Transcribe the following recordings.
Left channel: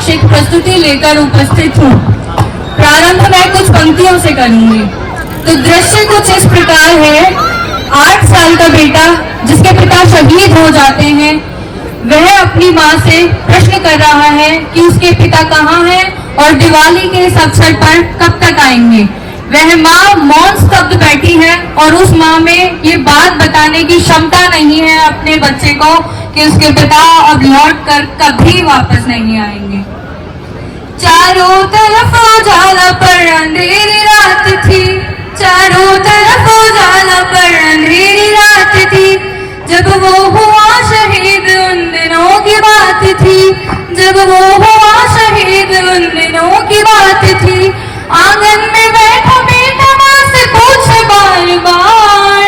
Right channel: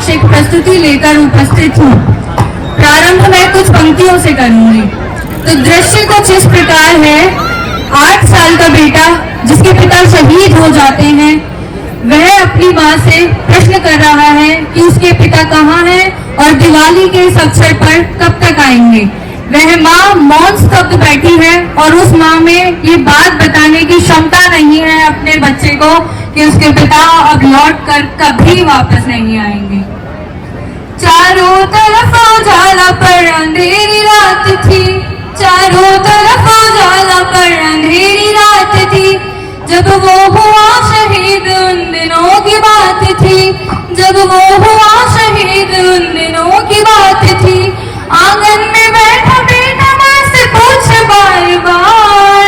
समक्ष एक प्रस्तुति लेकर उपस्थित हूँ। प्रारंभ मैं कुछ पंक्तियों से करूंगी। तो दृश्य कुछ इस प्रकार है। 8 साल का बेटा जिसके पिता शहीद हो जाते हैं, वह अपनी माँ से प्रश्न कर रहा है कि उसके पिता कहाँ हैं और दिवाली के इस अवसर पर कब तक आएंगे। वह माँ मौन स्तब्ध बैठी है और उस माँ में ये बात बताने की क्षमता नहीं है अपने बच्चे को कि उसके पिता अब लौट कर कभी वापस नहीं आएंगे। चारों तरफ उजाला पर अंधेरी रात थी, चारों तरफ उजाला पर अंधेरी रात थी। जब वो हुआ शहीद उन दिनों की बात थी, जब वो हुआ शहीद उन दिनों की बात थी। आंगन में बैठा बेटा माँ से पूछे बार बार,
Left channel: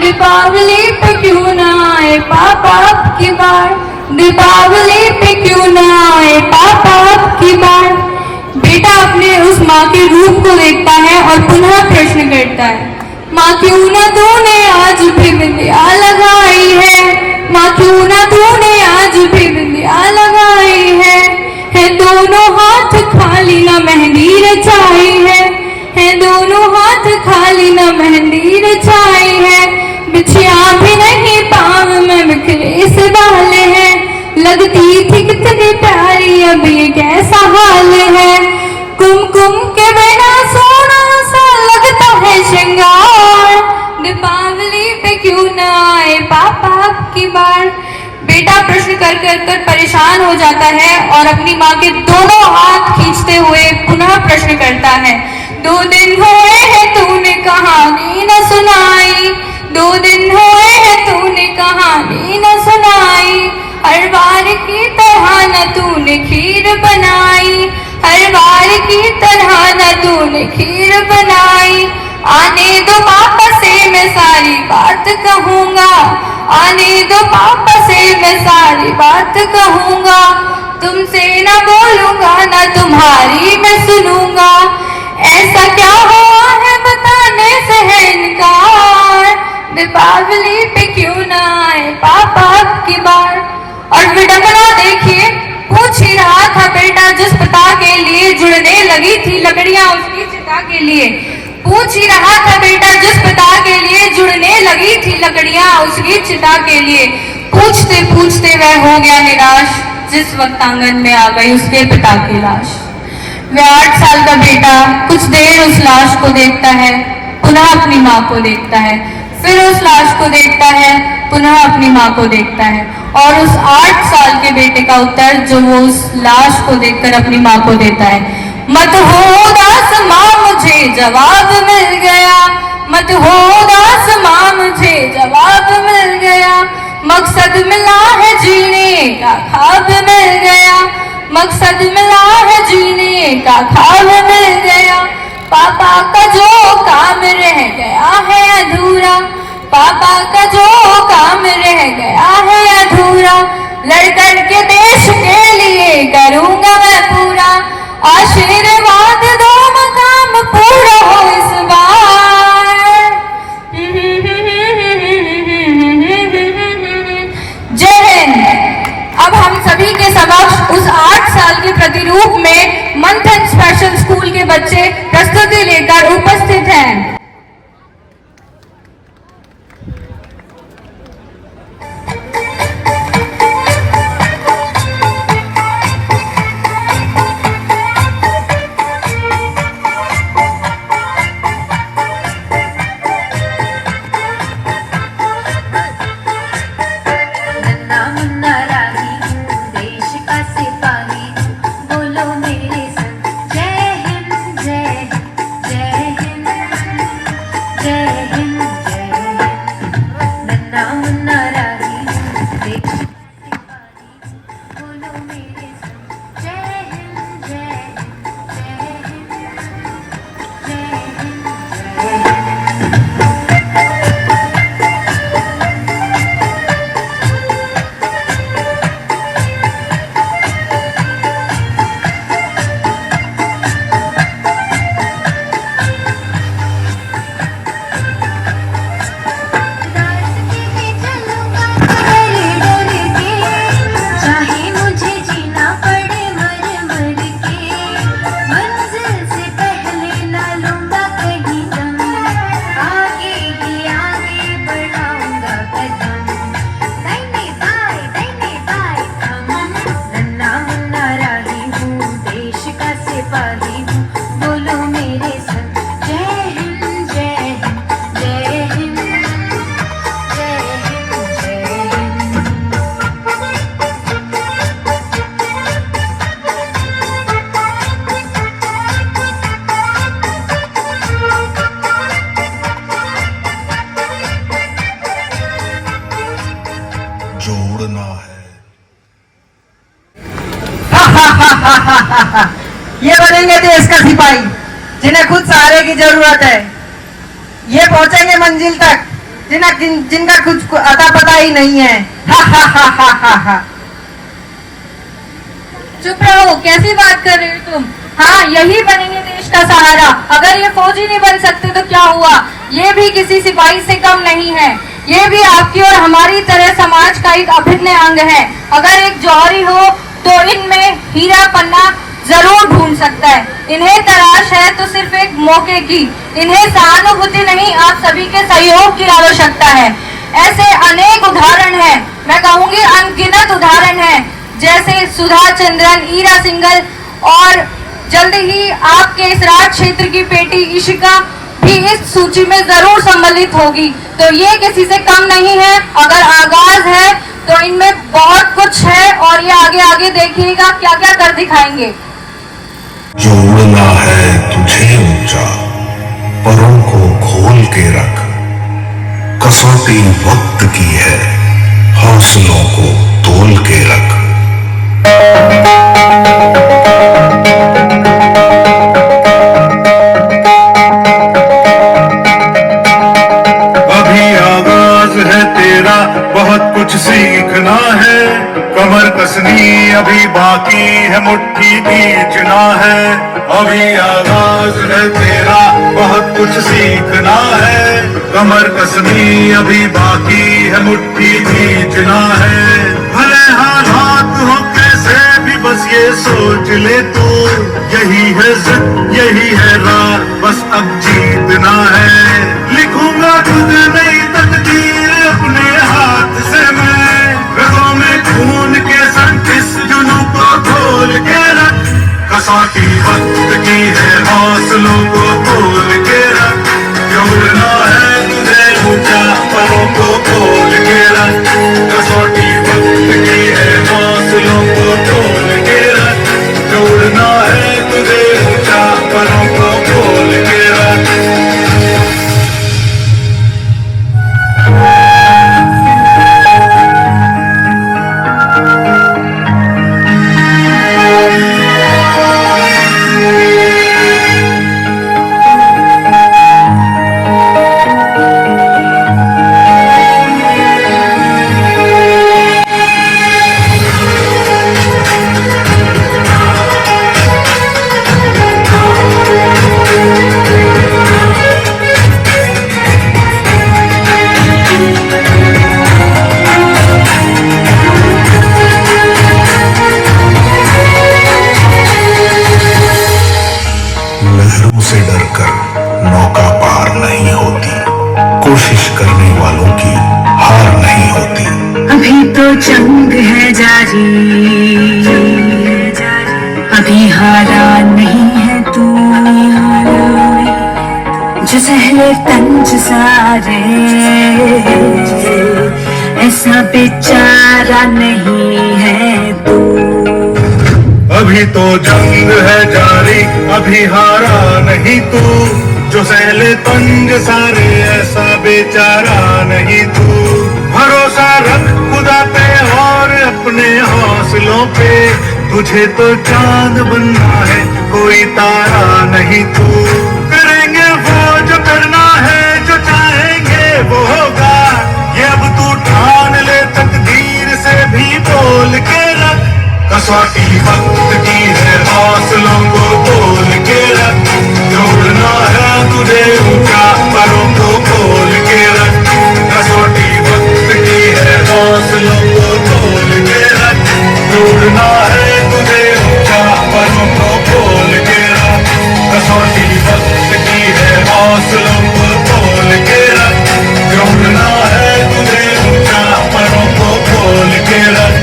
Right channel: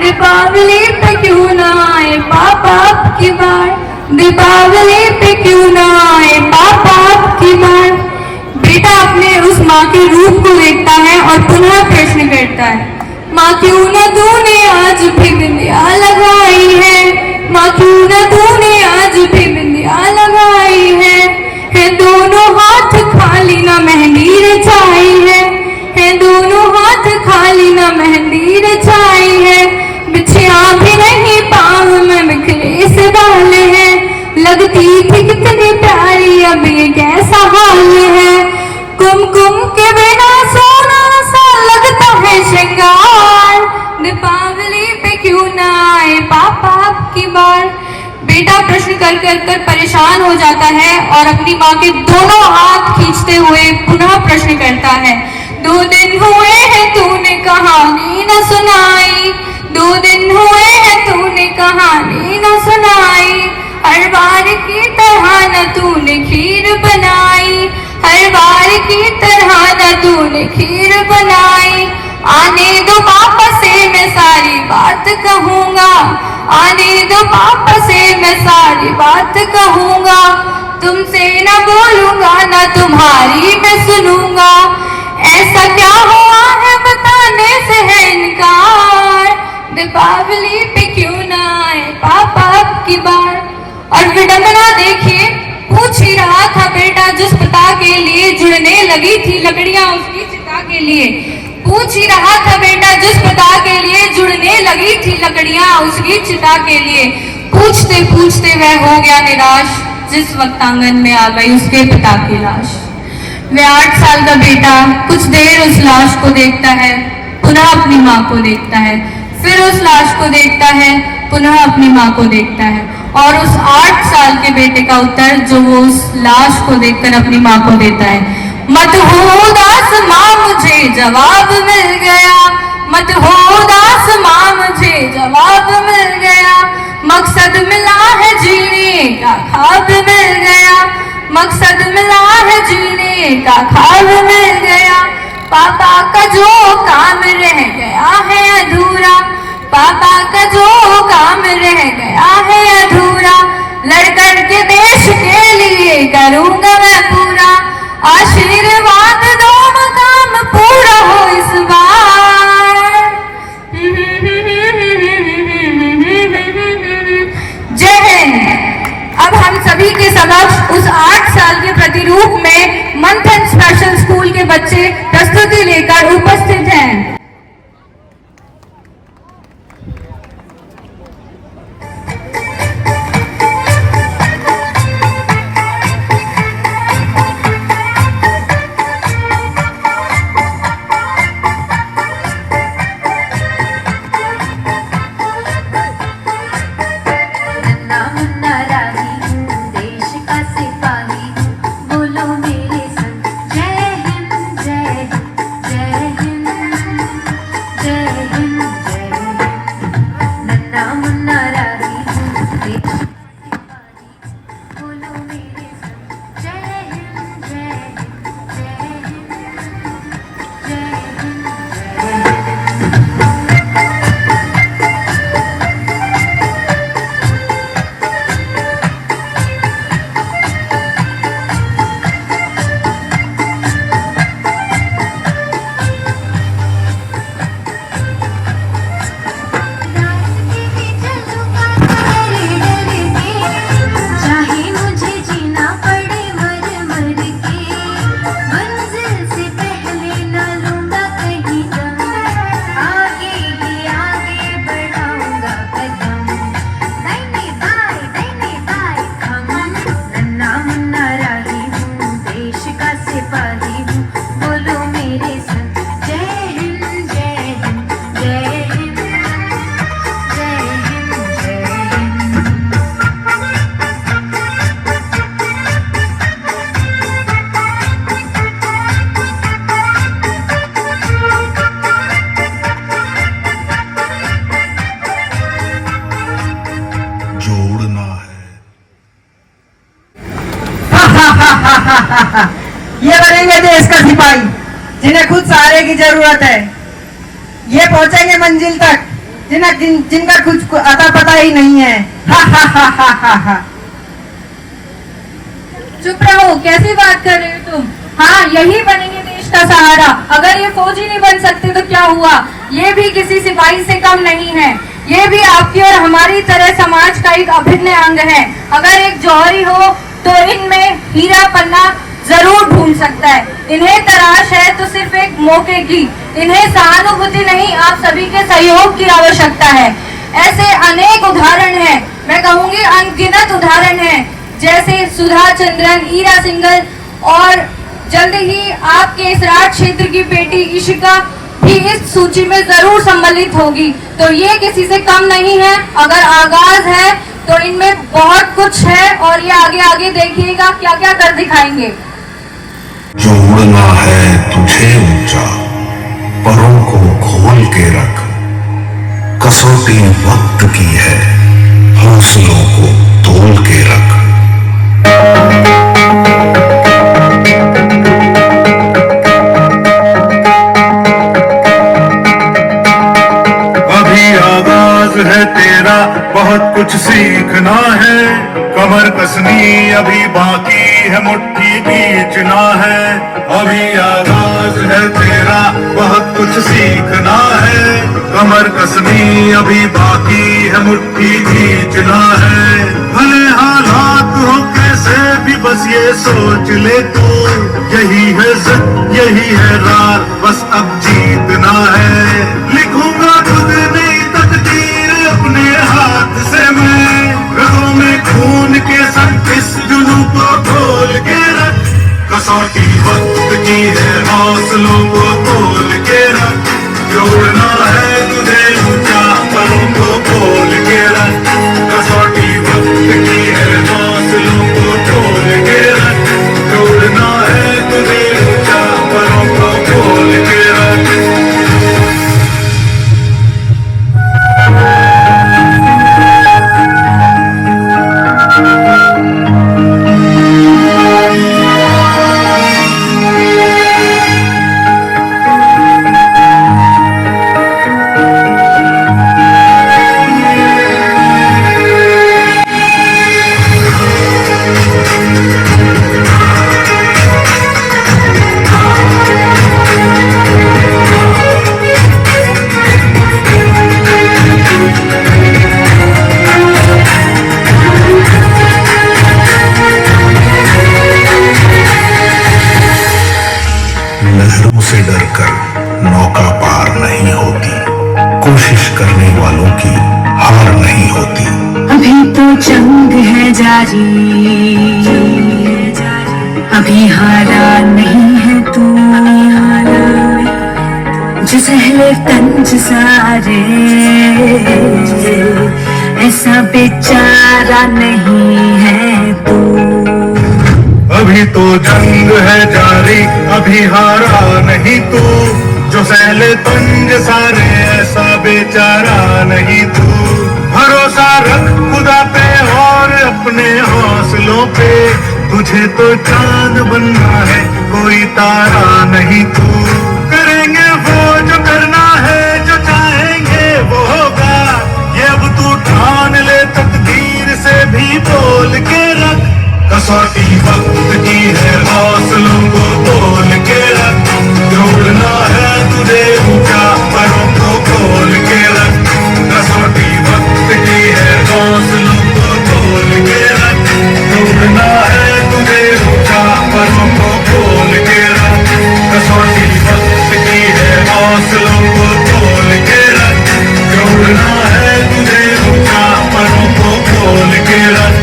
दीपावली पे क्यों ना आए पापा अब की बार, दीपावली पे क्यों ना आए पापा अब की बार। बेटा अपने उस माँ के रूप को देखता है और पुनः प्रश्न करता है, माँ क्यों न तूने आज भी बिंदिया लगाई है, माँ क्यों न तूने आज भी बिंदिया लगाई है। दोनों हाथ खाली न मेहंदी रचाई है दोनों हाथ खाली न मेहंदी रचाई है। बिछिया भी नहीं पाँव में बिखरे से बाल है, लगती थी कितनी प्यारी अब ये कैसा हाल है। कुमकुम के बिना सोना सा लगता है श्रृंगार, दीपावली पे क्यों ना आए पापा अब की बार। बेटा प्रश्न कर कर कर परेशान हो जाता है और अपनी माँ के दोनों हाथ खींचते हुए पुनः प्रश्न करता है, 2 दिन हुए हैं तूने कहानी न सुनाई, 2 दिन हुए हैं तूने कहानी न सुनाई। हर बार की तरह न तूने खीर बनाई, हर बार की तरह न तूने खीर बनाई। आने दो पापा से मैं सारी बात कहूँगा, आने दो पापा से मैं सारी बात कहूँगा। तुमसे न बोलूँगा न तुम्हारी मैं सुनूँगा, ऐसा क्या हुआ है बताने से है इनकार। दीपावली पे क्यों न आए पापा अब की बार। और विडंबना देखिए, पूछ ही रहा था बेटा जिस पिता के लिए जुड़ने लगी थी लकड़ियां उसकी चिता के लिए, पूछ ही रहा था बेटा जिस पिता के लिए जुड़ने लगी थी लकड़ियां उसकी चिता के लिए। पूछते पूछते वह हो गया निराश जिस वक्त आंगन में आ गई उसके पिता की लाश। वह 8 साल का बेटा कुछ देर उस लाश को देखता है, पुनः अपनी माँ को देखता है, फिर उस लाश को देखता है, पुनः अपनी माँ को देखता है। और उस 8 साल के बेटे का उत्तर जो वो उस लाश को देखकर अपनी माँ को देता है, मत हो उदास माँ मुझे जवाब मिल गया, मत हो उदास माँ मुझे जवाब मिल गया। मकसद मिला है जीने का ख्वाब मिल गया, मकसद मिला है जीने का ख्वाब मिल गया। पापा का जो काम रह गया है अधूरा, पापा का जो काम रह गया है अधूरा। लड़कर के देश के लिए करूँगा मैं पूरा, आशीर्वाद दो मकाम पूरा हो इस बार। जय हिंद। अब हम सभी के समक्ष उस 8 साल के प्रतिरूप में मंथन स्पेशल स्कूल के बच्चे प्रस्तुति लेकर उपस्थित हैं। ये बनेंगे देश का सिपाही जिन्हें खुद सहारे की जरूरत है। ये पहुंचेंगे मंजिल तक जिनका कुछ अता पता ही नहीं है। चुप रहो, कैसी बात कर रहे हो तुम? हाँ, यही बनेंगे देश का सहारा। अगर ये फौजी नहीं बन सकते तो क्या हुआ? ये भी किसी सिपाही से कम नहीं है। ये भी आपकी और हमारी तरह समाज का एक अभिन्न अंग है। अगर एक जौहरी हो तो इनमें हीरा पन्ना जरूर ढूंढ सकता है। इन्हें तलाश है तो सिर्फ एक मौके की। इन्हें सहानुभूति नहीं, आप सभी के सहयोग की आवश्यकता है। ऐसे अनेक उदाहरण हैं, मैं कहूंगी अनगिनत उदाहरण हैं, जैसे सुधा चंद्रन, ईरा सिंघल और जल्द ही आपके इस राज क्षेत्र की बेटी इशिका भी इस सूची में जरूर सम्मिलित होगी। तो ये किसी से कम नहीं है। अगर आगाज है तो इनमें बहुत कुछ है और ये आगे आगे देखिएगा क्या क्या कर दिखाएंगे। जो उड़ना है तुझे ऊंचा, परों को खोल के रख। कसौटी वक्त की है, हौसलों को तोल के रख। अभी आगाज है तेरा, बहुत कुछ सीखना है। कमर कसनी अभी बाकी है, मुट्ठी खींचना है। अभी आगाज है तेरा, बहुत कुछ सीखना है। कमर कसनी अभी बाकी है, मुट्ठी खींचना है। भले हालात हो कैसे भी, बस ये सोच ले तू, यही है जिद, यही है राह, बस अब जीतना है। लिखूंगा खुद नई तकदीर अपने हाथ से मैं, रगों में खून के संग इस जुनून को खोल के रख। कसौटी वक्त की है, हौसलों को खोल के रख। जोड़ना है तुझे ऊंचा, परों को खोल के रख। कसौटी वक्त की है, हौसलों को खोल के रख। जोड़ना है तुझे ऊंचा, परों को खोल के रख। लहरों से डरकर नौका पार नहीं होती, कोशिश करने वालों की हार नहीं होती। अभी तो जंग है जारी, अभी हारा नहीं है तू। जो सहले तंज सारे, ऐसा बेचारा नहीं है तू। अभी तो जंग है जारी, अभी हारा नहीं तू। जो सहले तंज सारे, ऐसा बेचारा नहीं तू। भरोसा रख खुदा पे और अपने हौसलों पे, तुझे तो चांद बनना है, कोई तारा नहीं तू। करेंगे वो जो करना है, जो चाहेंगे वो होगा। ये अब तू ठान ले, तकदीर से भी बोल के रख। कसौटी वक्त की है, हौसलों को तोल के रख। जोड़ना है तुझे ऊंचा, परों को खोल के रख। कसौटी वक्त की है, हौसलों को तोल के रख। जोड़ना है तुझे ऊंचा, परों को खोल के रख। कसौटी वक्त की है, हौसलों को तोल के रख। जोड़ना है तुझे ऊंचा, परों को खोल के रख।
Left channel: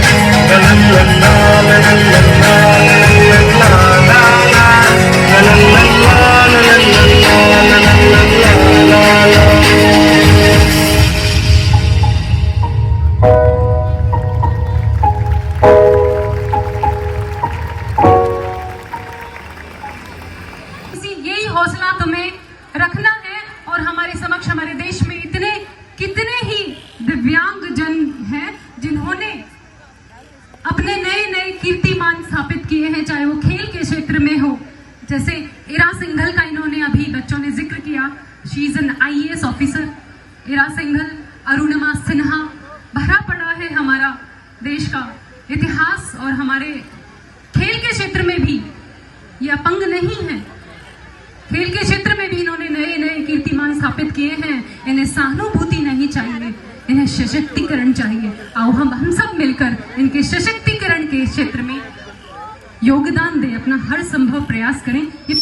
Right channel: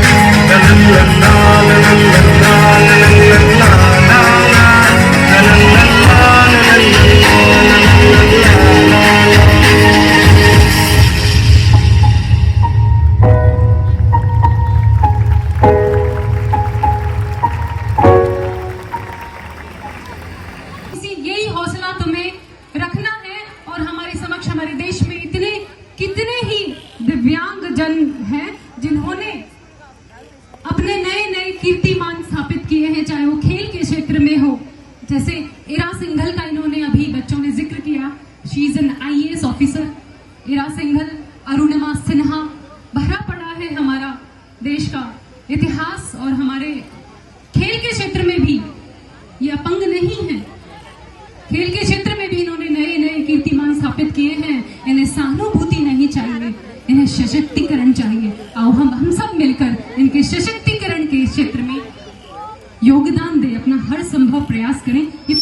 यही हौसला तुम्हें रखना है। और हमारे समक्ष हमारे देश में कितने ही दिव्यांग जन हैं जिन्होंने अपने नए नए कीर्तिमान स्थापित किए हैं। क्षेत्र में हो, जैसे इरा सिंघल का इन्होंने अभी बच्चों ने जिक्र किया, she is an IAS officer. Ira Singhal, Arunima Sinha, भरा पड़ा है हमारा देश का इतिहास, और हमारे खेल के क्षेत्र में भी ये अपंग नहीं है। खेल के क्षेत्र में भी इन्होंने नए नए कीर्तिमान स्थापित किए हैं। इन्हें सहानुभूति नहीं चाहिए, इन्हें सशक्तिकरण चाहिए। आओ हम सब मिलकर इनके सशक्तिकरण के क्षेत्र में योगदान दें, अपना हर संभव प्रयास करें। ये